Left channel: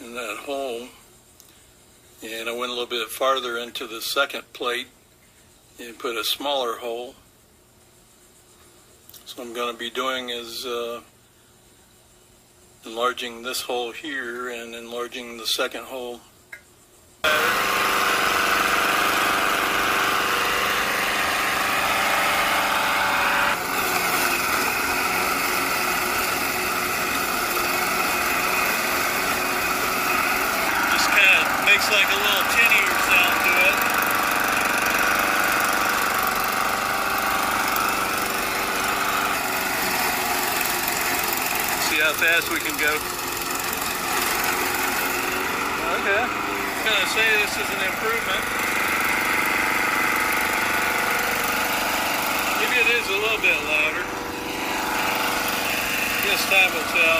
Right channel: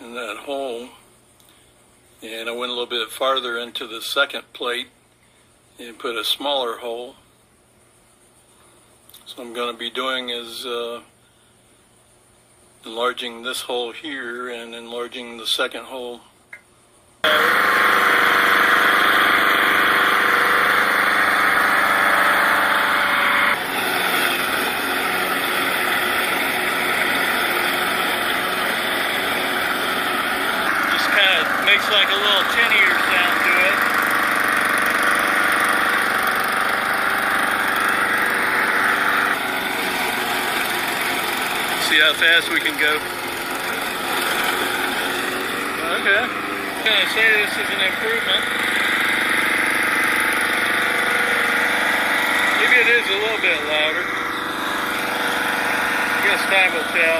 in that hole. And I went a little bit farther into the second plate and put a smaller hole. So I'm going to be doing is enlarging this hole here and enlarging the second hole. Just kind of makes like a little tinnier sound to it. See how fast we can go. Okay, I'm gonna say this is an improvement. Maybe it is a little bit louder. I guess time will tell.